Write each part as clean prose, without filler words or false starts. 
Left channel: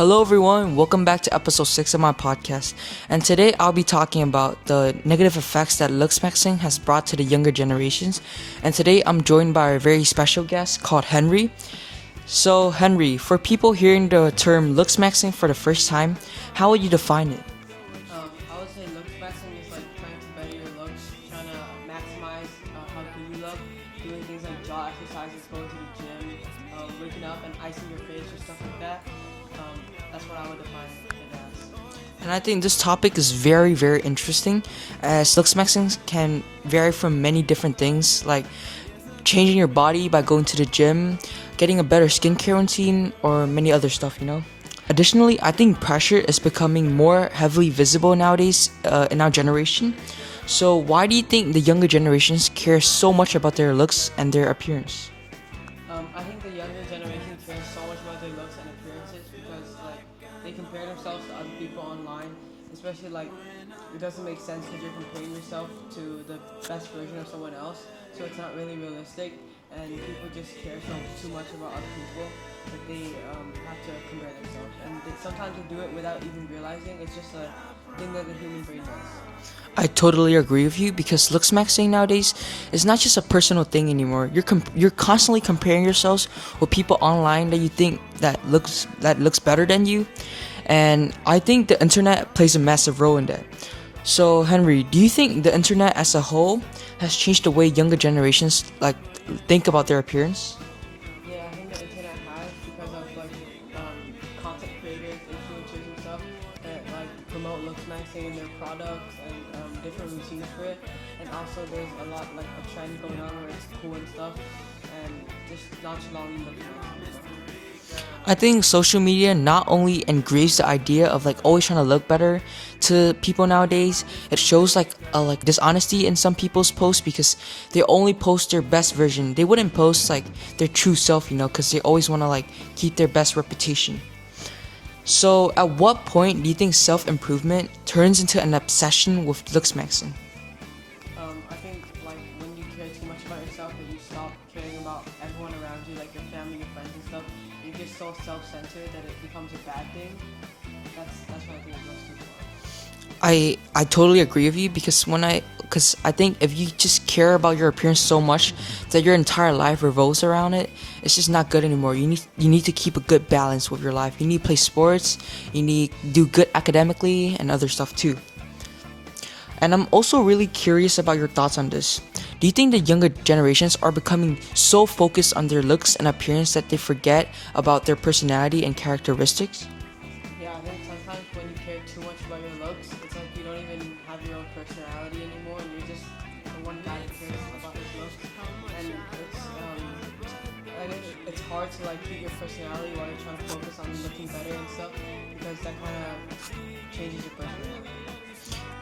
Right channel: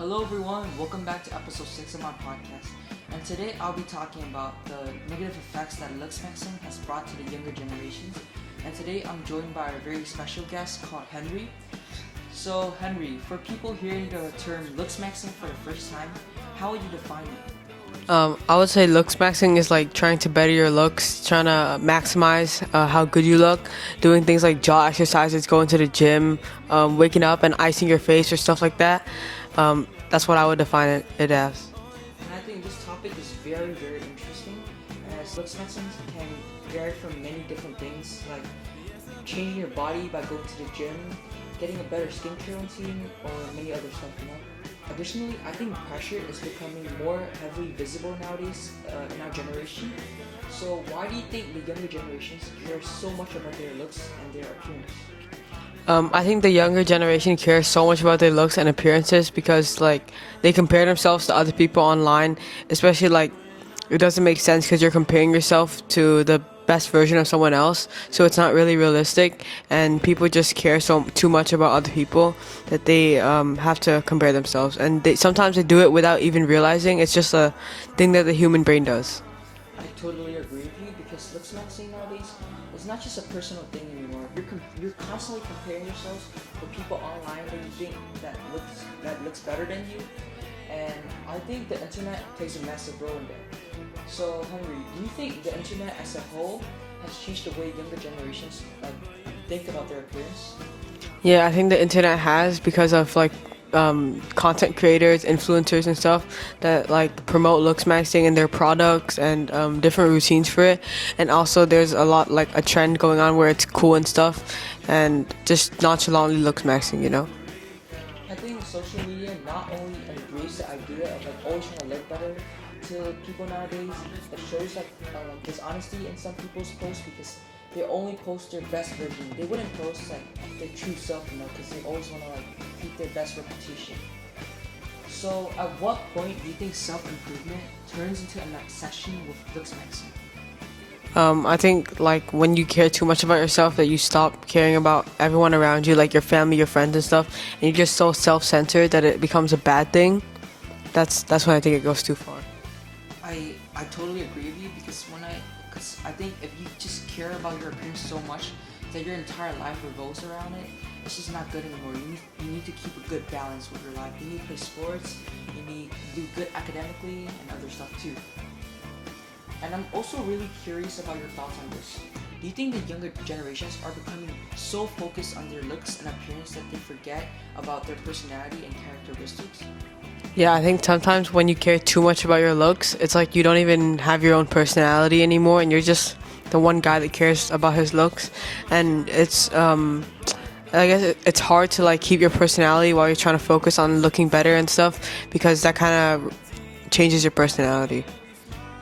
Hello, everyone. Welcome back to episode 6 of my podcast. And today I'll be talking about the negative effects that Looksmaxxing has brought to the younger generations. And today I'm joined by a very special guest called Henry. So, Henry, for people hearing the term Looksmaxxing for the first time, how would you define it? I would say Looksmaxxing is like trying to better your looks, trying to maximize how good you look, doing things like jaw exercises, going to the gym, waking up and icing your face or stuff like that. That's what I would define it as. And I think this topic is very, very interesting, as Looksmaxxing can vary from many different things, like changing your body by going to the gym, getting a better skincare routine, or many other stuff. Additionally, I think pressure is becoming more heavily visible nowadays in our generation. So why do you think the younger generations care so much about their looks and their appearance? I think the younger generation cares so much about their looks and appearances because they compare themselves to other people online, especially it doesn't make sense because you're comparing yourself to the best version of someone else, so it's not really realistic, and people just care too much about other people that they have to compare themselves, and sometimes they do it without even realizing. It's just a thing that the human brain does. I totally agree with you because Looksmaxxing nowadays is not just a personal thing anymore. You're constantly comparing yourselves with people online that you think that looks better than you, and I think the internet plays a massive role in that. So Henry, do you think the internet as a whole has changed the way younger generations think about their appearance? Yeah, I think the internet has because of content creators, influencers and stuff that promote Looksmaxxing and their products and different routines for it. And also there's a lot a trend going on where it's cool and stuff and just nonchalantly Looksmaxxing. I think social media not only engraves the idea of always trying to look better to people nowadays, it shows dishonesty in some people's posts because they only post their best version. They wouldn't post their true self, because they always want to keep their best reputation. So at what point do you think self-improvement turns into an obsession with Looksmaxxing? I think when you care too much about yourself that you stop caring about everyone around you, like your family, your friends and stuff, and you're just so self-centered that it becomes a bad thing. That's when I think it goes too far. I totally agree with you because I think if you just care about your appearance so much that your entire life revolves around it, it's just not good anymore. You need to keep a good balance with your life. You need to play sports, you need to do good academically and other stuff too. And I'm also really curious about your thoughts on this. Do you think the younger generations are becoming so focused on their looks and appearance that they forget about their personality and characteristics? Yeah, I think sometimes when you care too much about your looks, it's you don't even have your own personality anymore and you're just the one guy that cares about his looks. And it's I guess it's hard to keep your personality while you're trying to focus on looking better and stuff because that kind of changes your personality.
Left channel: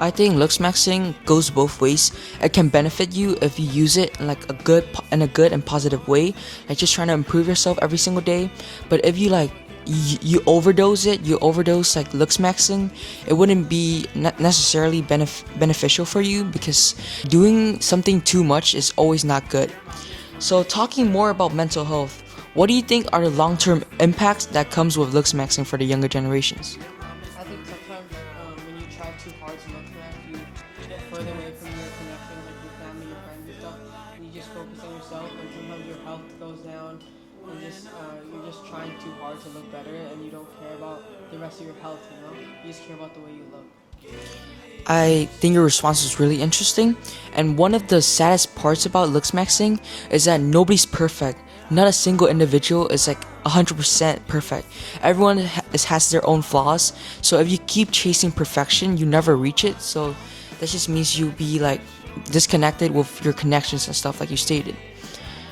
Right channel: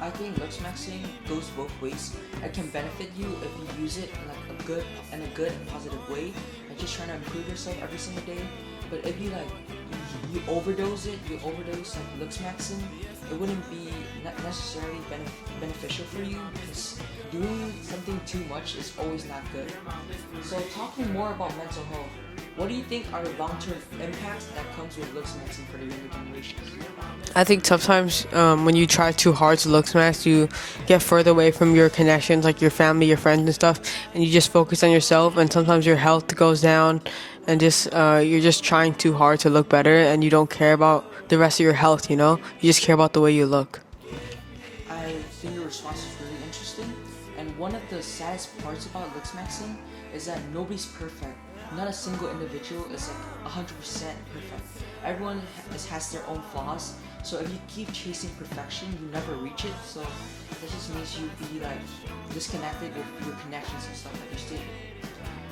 I think Looksmaxxing goes both ways. It can benefit you if you use it in a good and positive way, just trying to improve yourself every single day. But if you you overdose Looksmaxxing, it wouldn't be necessarily beneficial for you because doing something too much is always not good. So talking more about mental health, what do you think are the long-term impacts that comes with Looksmaxxing for the younger generations? I think sometimes when you try too hard to Looksmaxx, you get further away from your connections, like your family, your friends and stuff, and you just focus on yourself, and sometimes your health goes down, and you're just trying too hard to look better, and you don't care about the rest of your health, You just care about the way you look. I think your response is really interesting, and one of the saddest parts about Looksmaxxing is that nobody's perfect. Not a single individual is 100% perfect. Everyone has their own flaws, so if you keep chasing perfection, you never reach it. So that just means you'll be disconnected with your connections and stuff like you stated.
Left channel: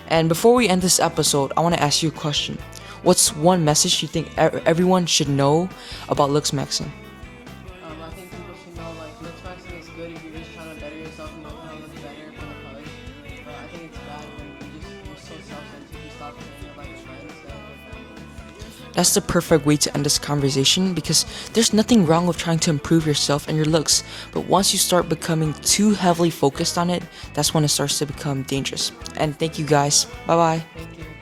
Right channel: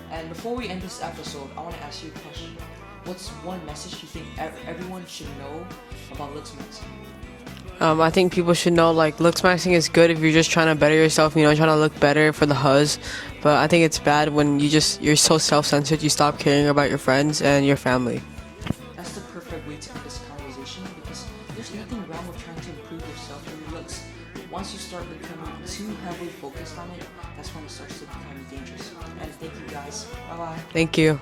And before we end this episode, I want to ask you a question. What's one message you think everyone should know about Looksmaxxing? I think people should know Looksmaxxing is good if you're just trying to better yourself, trying to look better for the huzz. But I think it's bad when you're so self-centered you stop caring about your friends and your family. That's the perfect way to end this conversation because there's nothing wrong with trying to improve yourself and your looks. But once you start becoming too heavily focused on it, that's when it starts to become dangerous. And thank you guys. Bye bye. Thank you.